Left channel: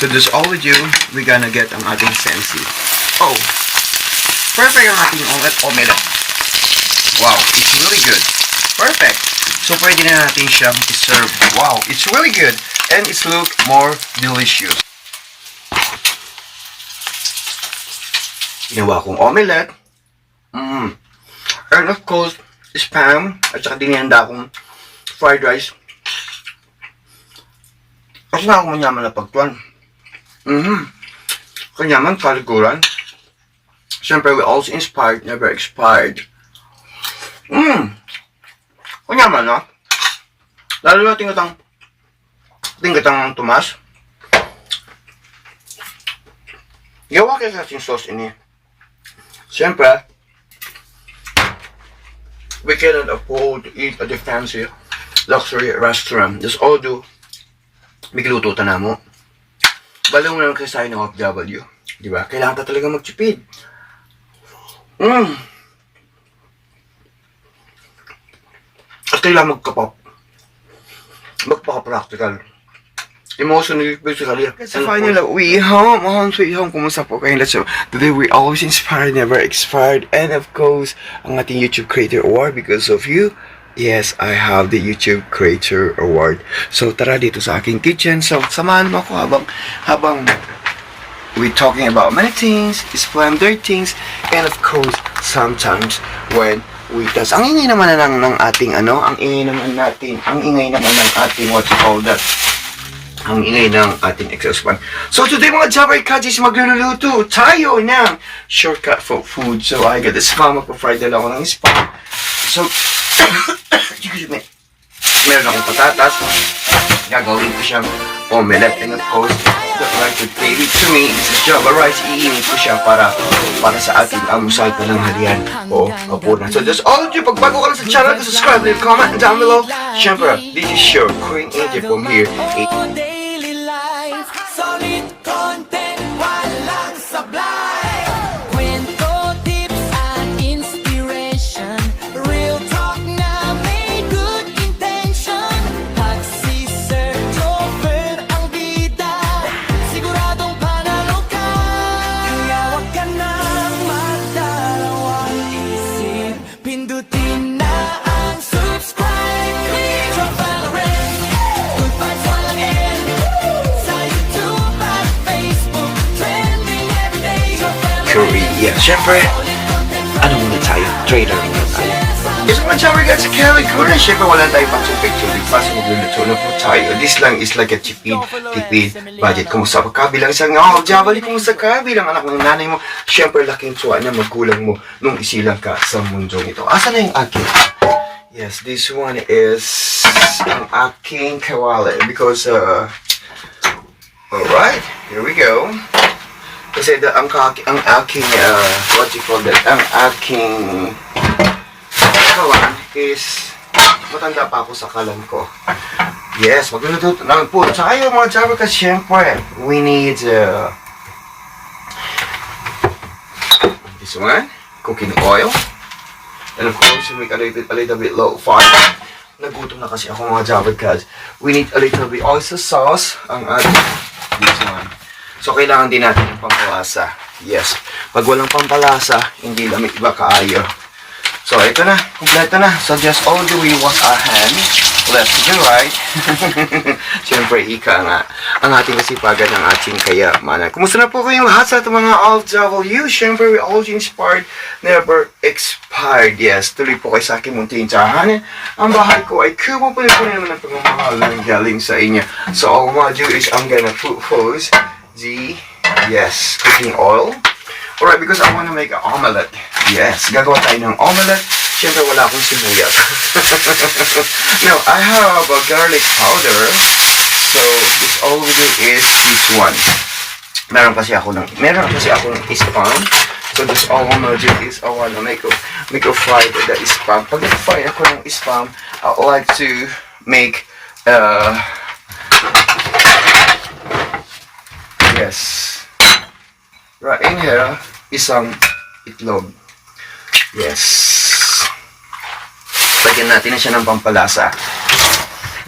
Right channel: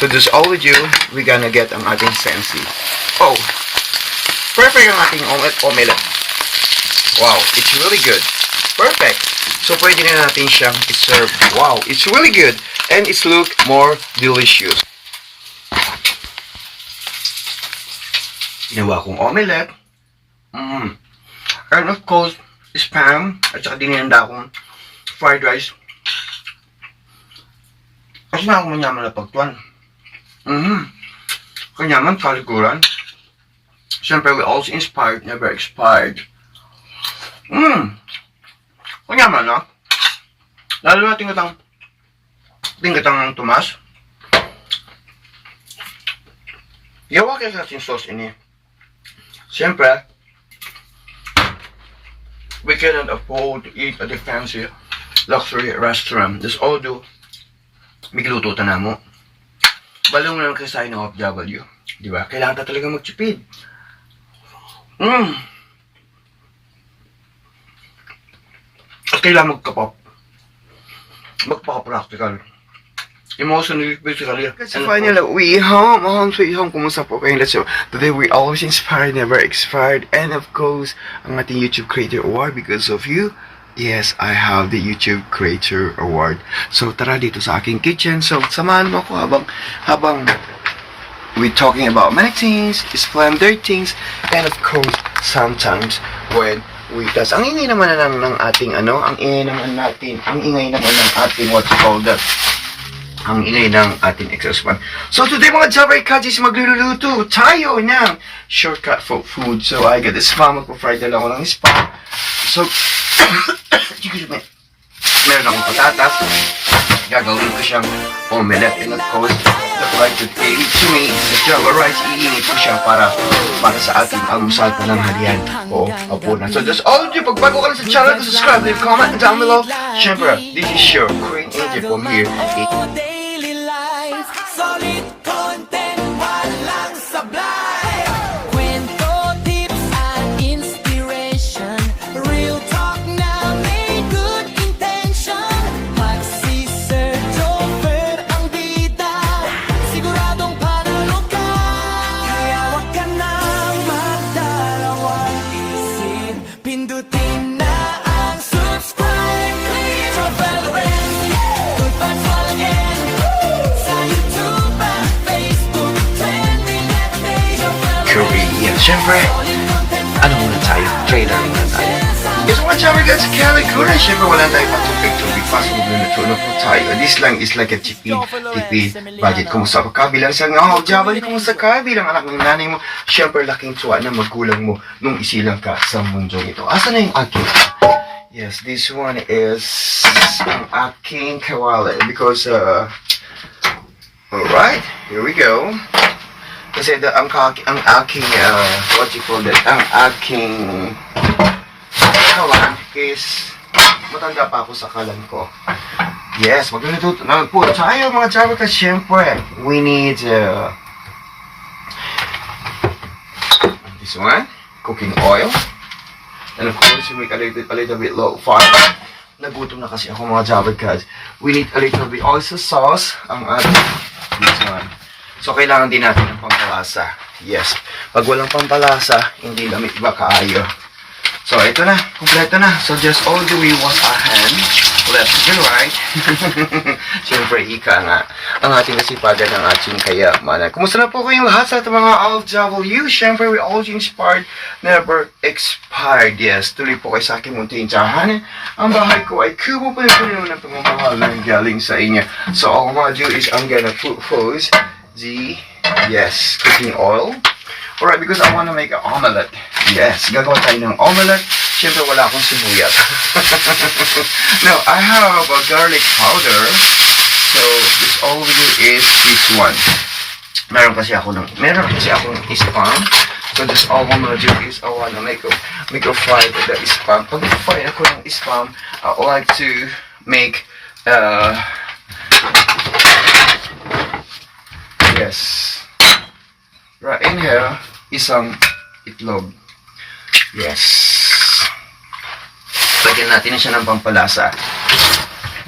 To do all we do, we're gonna get ang ating sensi. Oh, perfect ang ating omelette. Wow, it's really good. Perfect. So pwede na natin siyang i-serve. Wow, it's really good. And it's look more delicious. Ginawa kong omelette. And of course, spam. At saka dinihanda akong fried rice. Kasi na ako manyaman na pagtuan. Kanyaman, paliguran. Siyempre, we also inspired, never expired. Kanyaman, no? Lalo na tingatang Tomas. Gawa kayo sa ating sauce ini. Siyempre, we cannot afford to eat at the fancy luxury restaurant. Just all do, migluto ta na mo. Balaw na lang kasi tayo ng OFW. Diba? Kailangan ta talaga magtipid. At kailangan magpaka-practical. Emotionally, physically. Kasi finally, we home, sweet home. Kumusta po kayo? Today, we always inspired, never expired. And of course, ang ating YouTube Creator Award because of you. Yes, I have the YouTube Creator Award. So, tara dito sa aking kitchen. So, samahan mo ako habang we're talking about many things, splendor things, and of course, sometimes when we does. Ang ingay naman na ng ating ang ingay naman ng ating what you call that. Ang ingay ng ating exhaust fan. So today mga Jabber Kajis, magluluto tayo ng shortcut for food. So I got this spam, magpa-fry na lang ako ng spam. So, excuse me, meron akong patatas. Gagawin ko siyang omelette. And of course, the right to take to me, this is Java rice. Iinit ko siya para sa ating almusal pa ng harian o hapunan. So just all of you, pag bago ka lang sa channel, subscribe, leave comment down below. Siyempre, this is your Queen Angel from here. Daily life, solid content, walang sablay. Kwento, tips, at inspiration. Real talk na may good intention. Pag si Sir Jover ang bida, siguradong panalo ka. Kaya wag ka nang magdalawang isip. Pindutin na ang subscribe. Click your bell ring. Good vibes falling in. Sa YouTube at Facebook, trending every day. Your bell ring. Korea. Siyempre, ano muna tayo? Trailer muna tayo. Kasi mga Jabber guys, sa Calicuran, siyempre wala tayo patubig-tubig pa sa magluluto na po tayo. This lang is like a tipid budget. Kumusta ka bilang isang Jabber, kumusta ka bilang anak ng nanay mo? Siyempre, laking tuwa na magkulang mo nung isilang ka sa mundong ito. Asa na yung aking? Yes, this one is ang aking kawali because, alright, here we go. Kasi ang aking, what you call that, ang aking kawan is, matanda pa ako sa kalan ko. Yes, magluluto na po tayo mga Jabber kasi syempre, we need, this one, cooking oil. And of course, you make a little bit low fire. Nagutom na kasi ako mga Jabber guys. We need a little bit oyster sauce, ang ating, this one. So, kailangan din natin ng pampalasa. Yes. Pag walang pampalasa, hindi lamig ba kaayo. So, ito na. Kompleto na. So, just all the way wash our hands. Left to the right. Siyempre, ika nga. Ang ating kasipagan ng ating kayamanan. Kumusta na po kayong lahat sa ating mga OFW? Siyempre, we always inspired, never expired. Yes, tuloy po kayo sa aking munting tsahan. Ang bahay ko ay kubo po naman ang pagmamahal ng galing sa inyo. So, all I'm gonna do is I'm gonna put hose the, yes, cooking oil. Alright, because I want to make an omelette. Yes, gagawa tayo ng omelette. Siyempre, wala akong sibuyas. No, I have a garlic powder. So, this all we do is this one. Meron kasi akong spam. So, this all I'm gonna do is I want to make a fry the spam. Pag nag-fry ako ng spam, I would like to make, yes. Right in here, isang itlog. Yes. Lagyan natin na siya ng pampalasa.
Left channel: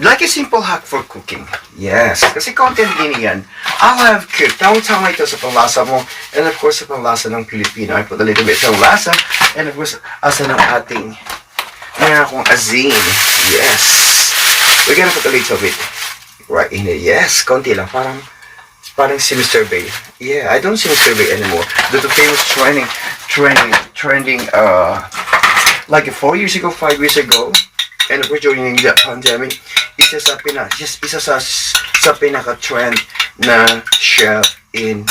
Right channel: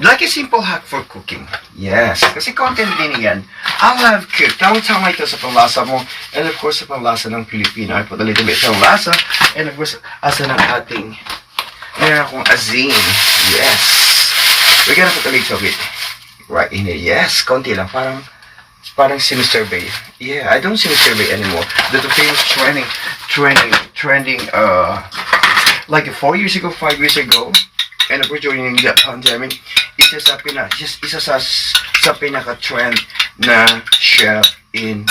Like a simple hack for cooking. Yes. Kasi content din yan. I'll have cooked. Tama-tama ito sa panglasa mo. And of course, sa panglasa ng Pilipino. I put a little bit ng lasa. And of course, asa ng ating meron akong azin. Yes. We're gonna put a little bit right in it. Yes. Konti lang. Parang sinisurvey. Yeah, I don't sinisurvey anymore. The famous trending, like 4 years ago, 5 years ago, and of course during the pandemic, isa sa pinaka-trend na chef in,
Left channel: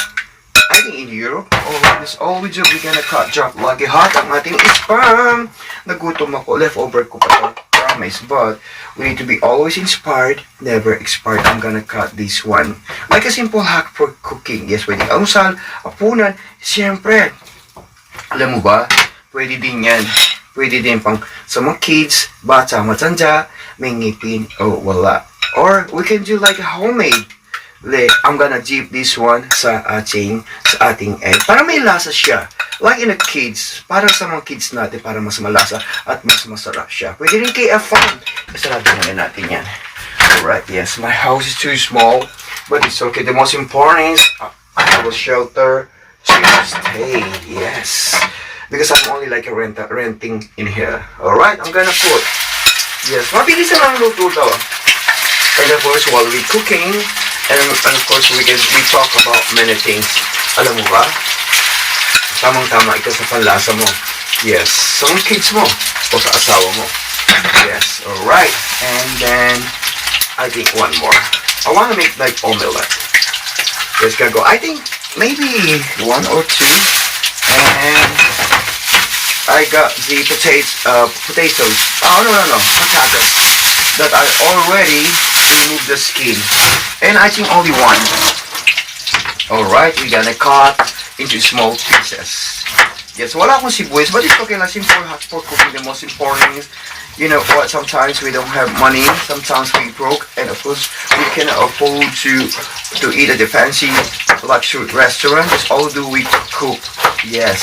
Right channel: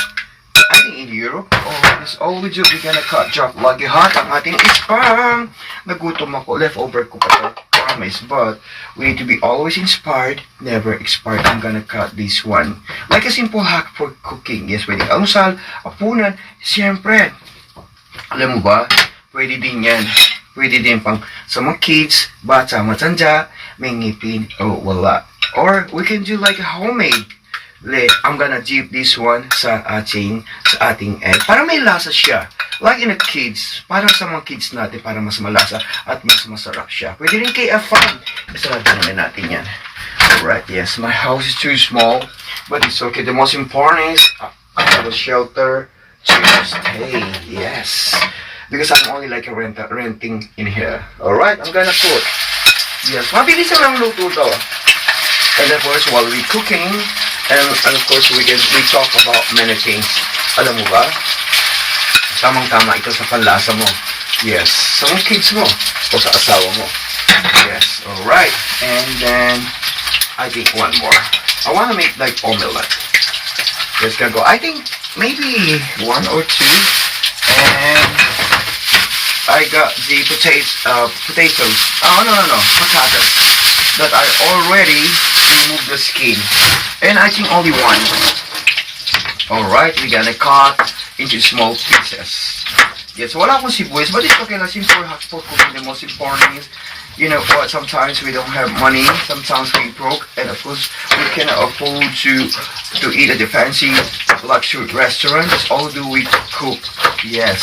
I think in Europe. Oh, this all we do, we're gonna drop like a hot ang ating sperm. Nagutom ako, leftover ko pa to. Promise, but we need to be always inspired, never expired. I'm gonna cut this one. Like a simple hack for cooking. Yes, pwede almusal, apunan, siyempre. Alam mo ba, pwede din yan. Pwede din pang sa mga kids, bata, matanda, may ngipin, o wala. Or we can do like a homemade. I'm gonna dip this one sa ating egg. Para may lasa siya. Like in the kids, para sa mga kids natin, para mas malasa at mas masarap siya. Pwede rin kay Afan. Sarado naman natin yan. Alright, yes, my house is too small, but it's okay. The most important is I have a shelter to stay. Yes. Because I'm only like a renting in here. Alright, I'm gonna put. Yes, mabilis lang ang luto to. And of course, while we cooking, and of course, we talk about many things. Alam mo ba? Tamang-tama ito sa panlasa mo. Yes, sa mga kids mo. O sa asawa mo. Yes, alright. And then, I think one more. I want to make like omelette. Let's go. I think maybe 1 or 2. And I got the potatoes. Oh, no. Potatoes. That I already removed the skin. And I think only 1. Alright, we're gonna cut into small pieces. Yes, wala akong sibuyas, but it's okay. Like simple hack for cooking. The most important is, you know what, sometimes we don't have money, sometimes we broke, and of course, we cannot afford to eat at the fancy luxury restaurant. That's all do we cook. Yes.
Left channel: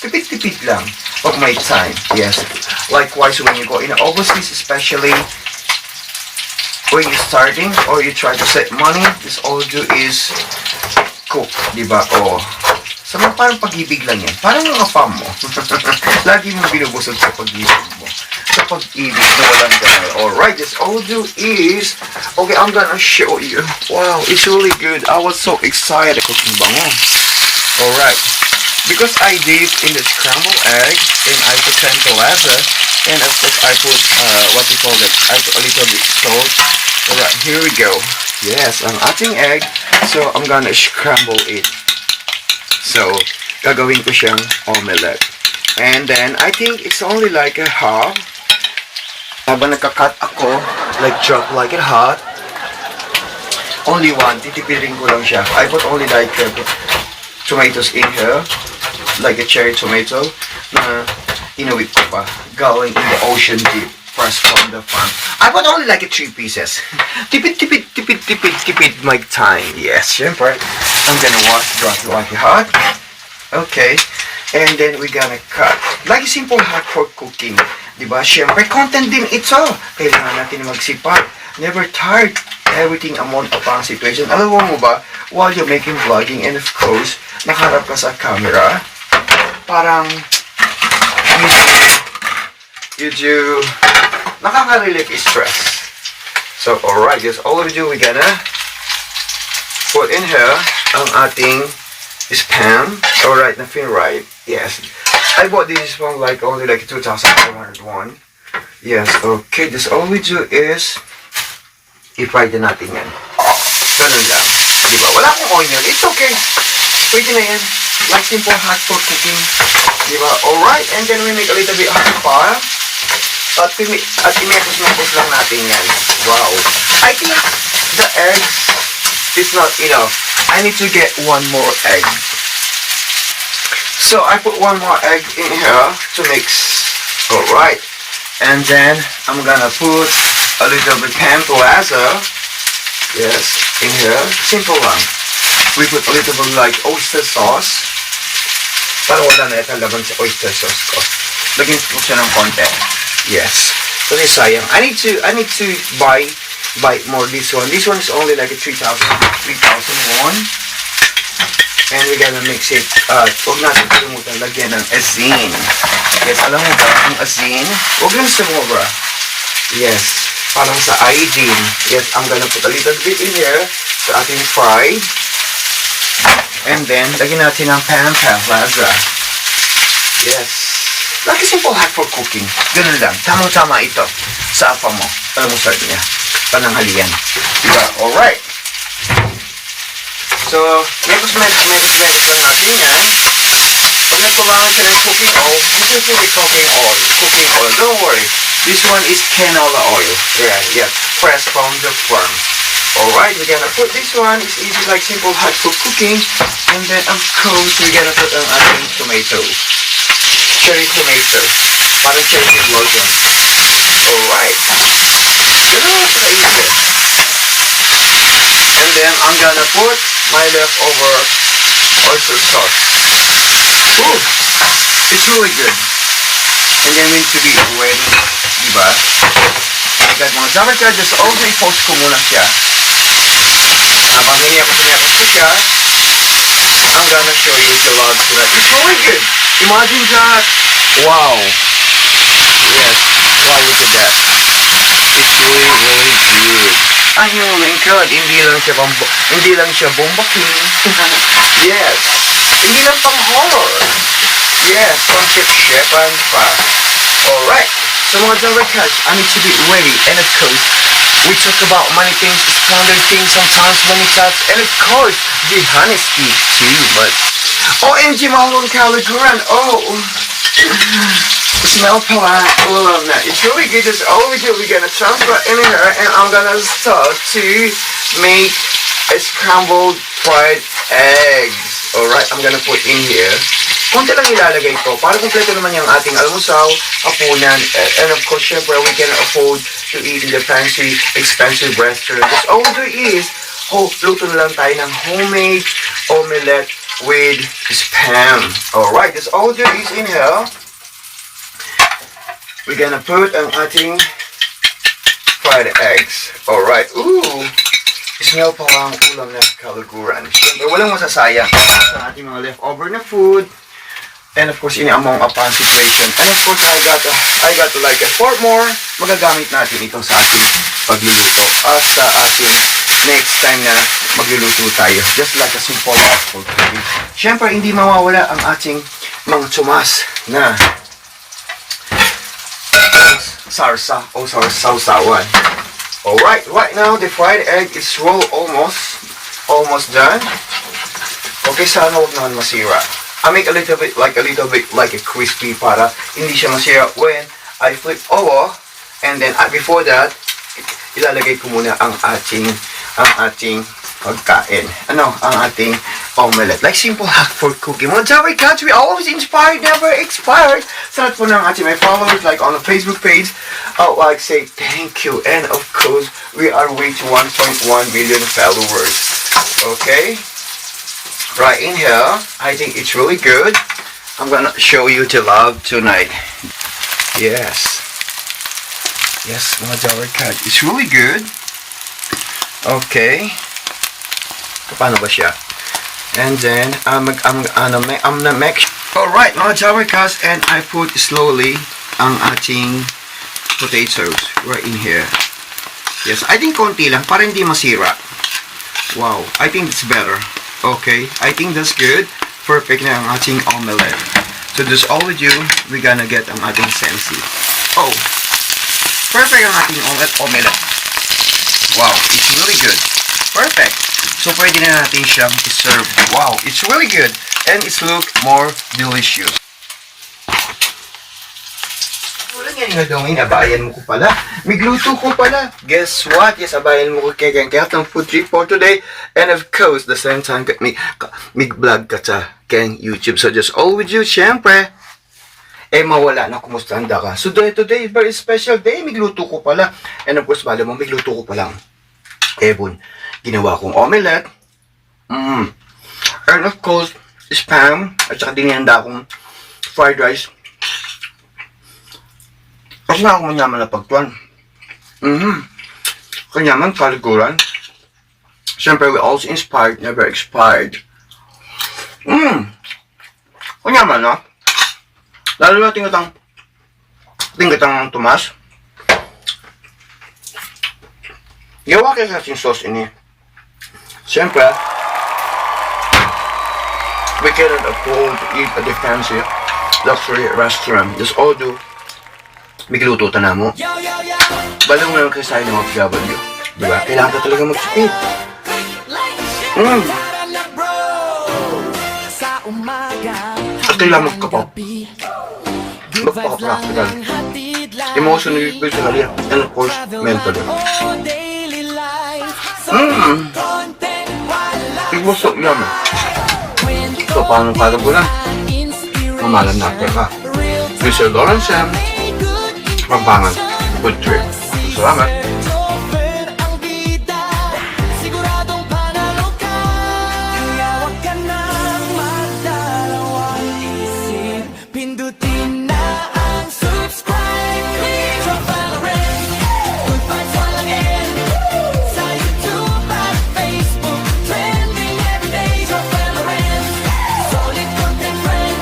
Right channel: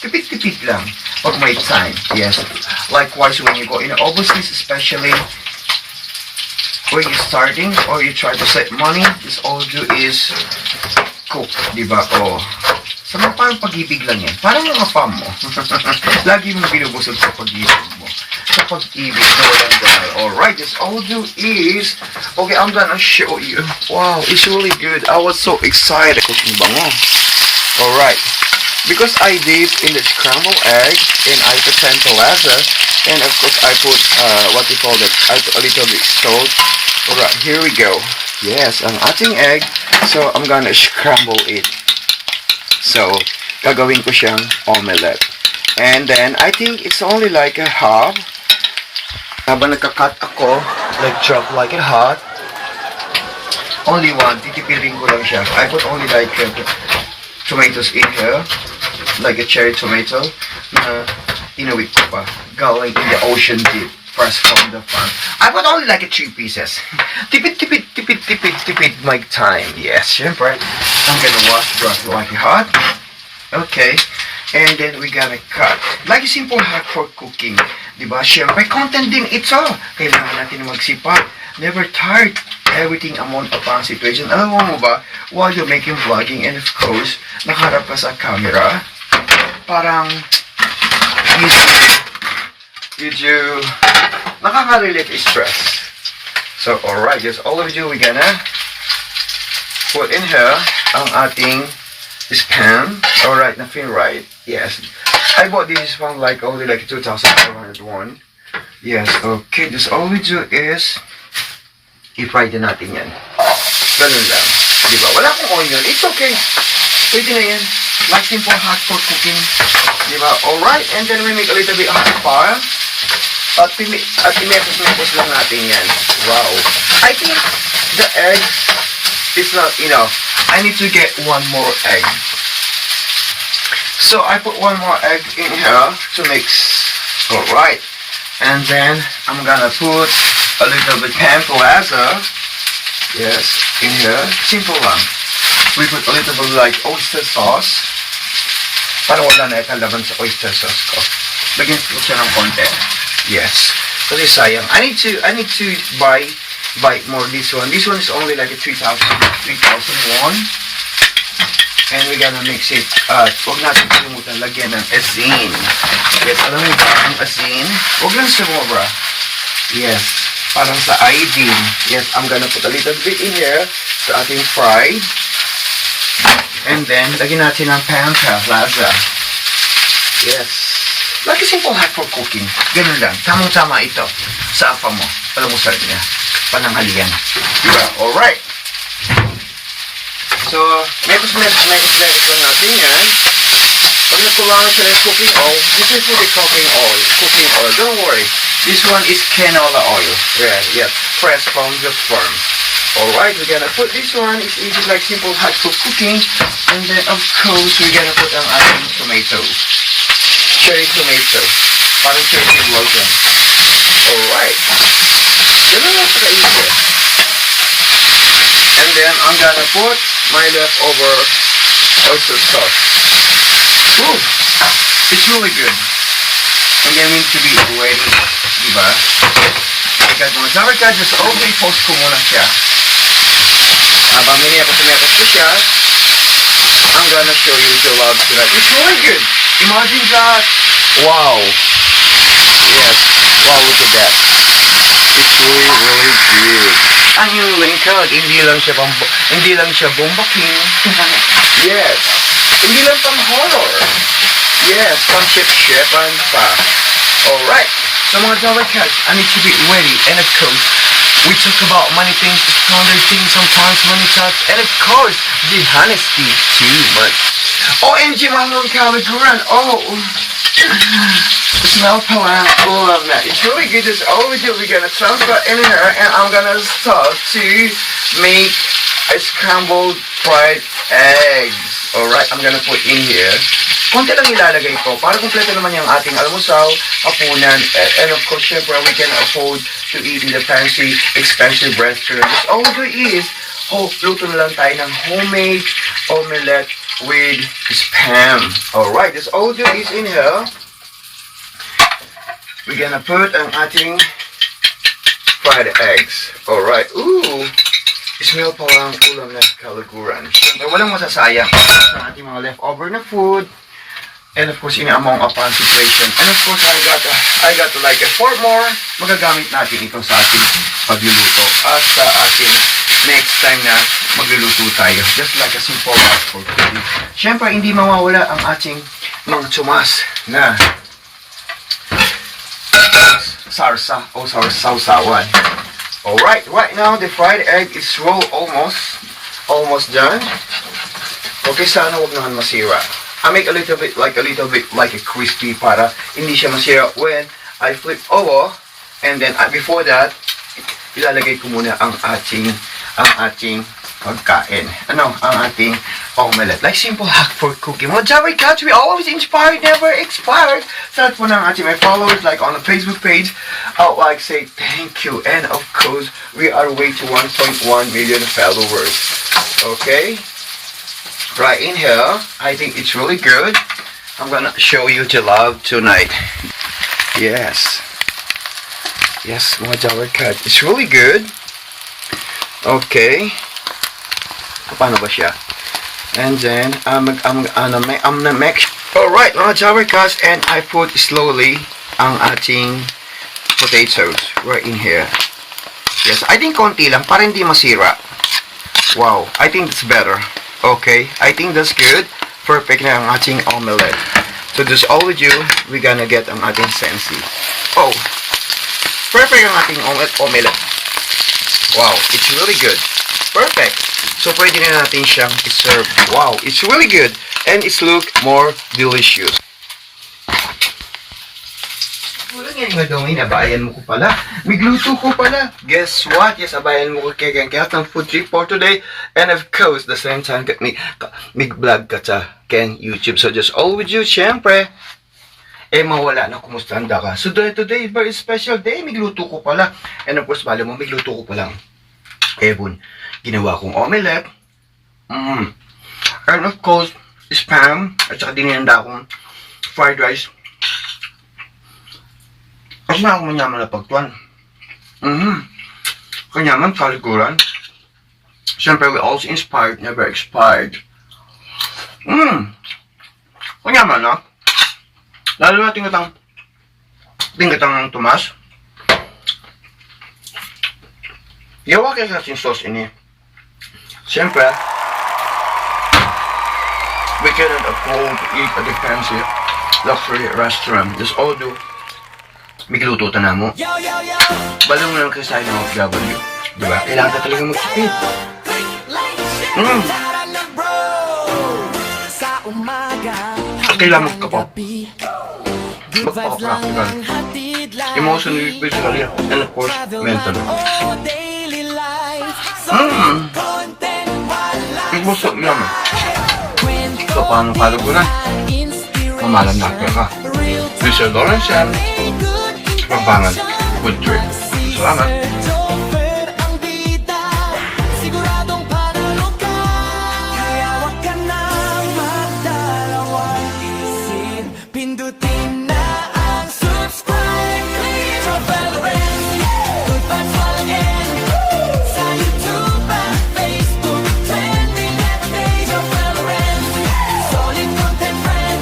Tipid-tipid lang. Pag may time. Yes. Likewise, when you go in overseas, especially when you're starting or you try to save money, this all do is cook, diba? O, sa mga parang pag-ibig lang yan. Parang yung apam mo. Lagi mong binubusog sa pag-ibig mo. Sa pag-ibig na walang dahil. Alright, this all do is, okay, I'm gonna show you. Wow, it's really good. I was so excited. Cooking bango. Alright. Because I dip in the scrambled egg, then I put tempalasa, and of course I put, what you call that, I put a little bit salt. Alright, here we go. Yes, ang ating egg. So, I'm gonna scramble it. So, gagawin ko siyang omelette. And then, I think it's only like a half. Habang nagka-cut ako, like drop like a hot. Only 1, titipirin ko lang siya. I put only like tomatoes in here. Like a cherry tomato. Na inuwi ko pa. Galing in the ocean deep. Fresh from the farm. I put only like 3 pieces. Tipid my time. Yes, syempre. I'm gonna wash, drop it like hot. Okay. And then we're gonna cut. Like a simple hack for cooking. Diba? Syempre, content din ito. Kailangan natin magsipat. Never tired. Everything amount upon situation. Alam mo ba, while you're making vlogging and of course, nakaharap ka sa camera, parang you do nakaka-relieve stress. So, alright, just all of you, we're gonna put in here ang ating spam. Alright, na-feel right. Yes. I bought this one like only like 2,500 won. Yes, okay. This all we do is i-fry din natin yan. Ganun lang. Diba? Wala akong onion. It's okay. Pwede na yan. Like simple hack for cooking. Diba? Alright, and then we make a little bit hot fire. At imepos lang natin yan. Wow. I think the eggs is not enough. I need to get 1 more egg. So I put 1 more egg in here to mix. Alright. And then I'm gonna put a little bit tempalasa. Yes, in here. Simple lang. We put a little bit like oyster sauce. Para wala na kalaban sa oyster sauce ko. Lagyan ko siya ng konti. Yes. Kasi sayang. I need to buy buy more this one. This one is only like a 3,000 won. And we're gonna mix it. Huwag natin kalimutan lagyan ng asin. Yes, alam mo ba ang asin? Huwag lang sumobra. Yes, parang sa iodine. Yes, I'm gonna put a little bit in here sa ating fried. And then, lagyan natin ng pan-pan-plaza. Yes. Like a simple hack for cooking. Ganun lang. Tamang-tama ito. Sa apa mo. Alam mo sabi niya. Pananghalian. Diba? Alright. So, mekos-mekos lang natin yan. Pag nagkulangan siya ng cooking oil, this is really cooking oil. Don't worry. This one is canola oil. Yeah. Fresh from the farm. Alright, we're gonna put this one. It's easy, like simple hot for cooking. And then, of course, we're gonna put ang ating tomato. Cherry tomato. Parang cherry lotion. Alright. Ganun lang sa easy. And then, I'm gonna put my leftover oyster sauce. Ooh, it's really good. And then we need to be ready, diba? Because mga Javarka, just always post ko muna siya. Habang miniyapos ko siya, I'm gonna show you the love to that. It's really good. Imagine that. Wow. Yes. Wow, look at that. It's really, really good. Ang yung lingkod, hindi lang siya bomba king. Yes. Hindi lang pang horror. Yes, concept-shepan pa. Alright. So mga Javarkas, I need to be ready. And of course, we talk about many things, splendid things, sometimes many times. And of course, the honesty too much. OMG, mga kaliguran. Oh. Smell pala. I love that. It's really good. It's all we do. We're gonna transfer in here and I'm gonna start to make a scrambled fried eggs. Alright, I'm gonna put in here. Konti lang ilalagay ko para kompleto naman yung ating almusal, hapunan, and of course, syempre, we can afford to eat in the fancy, expensive restaurant. Because all there is, luto na lang tayo ng homemade omelette with spam. Alright, that's all there is in here. We're gonna put ang ating fried eggs. Alright, ooh! Smell pa lang ulam na kaliguran. Siyempre, walang masasayang sa ating mga leftover na food. And of course, in a among upon situation. And of course, I got like a 4 more. Magagamit natin ito sa ating pagluluto. At sa ating next time na magluluto tayo. Just like a simple one for cooking. Siyempre, hindi mawawala ang ating mga tumas na sarsa o sausawan. Alright, right now the fried egg is almost done. Okay, sana wag naman masira. I make a little bit like a crispy para hindi siya masira when I flip over. And then before that, ilalagay ko muna ang ating pagkain. Ang ating omelette. Like simple hack for cooking. Mga Javarkas, we always inspired, never expired. Sa lahat po ng ating my followers, like on the Facebook page, I would like say thank you. And of course, we are reaching 1.1 million followers. Okay? Right in here, I think it's really good. I'm gonna show you the love tonight. Yes, mga Javarkas, it's really good. Okay, paano ba siya? And then I'm gonna make. Alright, mga Javarkas, and I put slowly ang ating potatoes right in here. Yes, I think konti lang para hindi masira. Wow, I think it's better. Okay, I think that's good. Perfect na ang ating omelette. So just all we do, we're gonna get ang ating sensi. Oh, perfect ang ating omelette. Wow, it's really good. Perfect. So pwede na natin siyang i-serve. Wow, it's really good. And it's look more delicious. Wala nga nga daw, abayan mo ko pala. Migluto ko pala. Guess what? Yes, abayan mo ko kaya ng food trip for today. And of course, the same time, mig-vlog ka sa keng YouTube. So just all with you, syempre. Mawala na kumusta handa ka. So today, very special day. Migluto ko pala. And of course, bala mo, migluto ko pala. Ebon, ginawa kong omelette. And of course, spam. At saka dinihanda akong fried rice. Kasi na ako manyaman na pagtuan. kanyaman, kalikuran. Siyempre, we also inspired, never expired. Kanyaman, no? Lalo na tingkatang Tomas. Gawa kayo sa ating sauce ini. Siyempre, we cannot afford to eat at the fancy luxury restaurant. Just all do. Mikiluto ta na mo. Yo, yo, yo. Balaw mo lang kasi tayo ng OFW. Diba? Kailangan ka talaga magsipid. Click, like, share. Tara na, bro. Sa umaga, At kailangan hanggang ka pa. gabi. Good vibes lang Magpaka-practical. ang hatid lagi. Emotionally, physically, and of course, Travel mentally. man o daily life. Solid content, walang It was so yummy. kwento, So, paano kalikuran? inspiration. Mamalan na ka. Real Mr. Lawrence Sam, may good Pampangan. intention. Good trip. Salamat. Si Sir Joffer ang bida. Siguradong panalo ka. Kaya wag ka nang magdalawang isip. Pindutin na ang subscribe. Click Joffer Lawrence. Good vibes walang end. Sa YouTube at Facebook. Trending everyday. Joffer Lawrence. Solid content friend.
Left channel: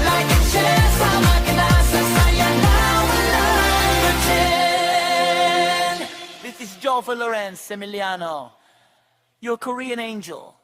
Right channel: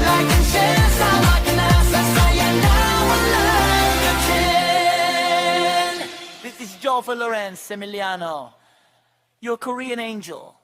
Like and share. Sama ka na sa saya na walang pretend. This is Joffer Lawrence Emiliano, your Korean angel.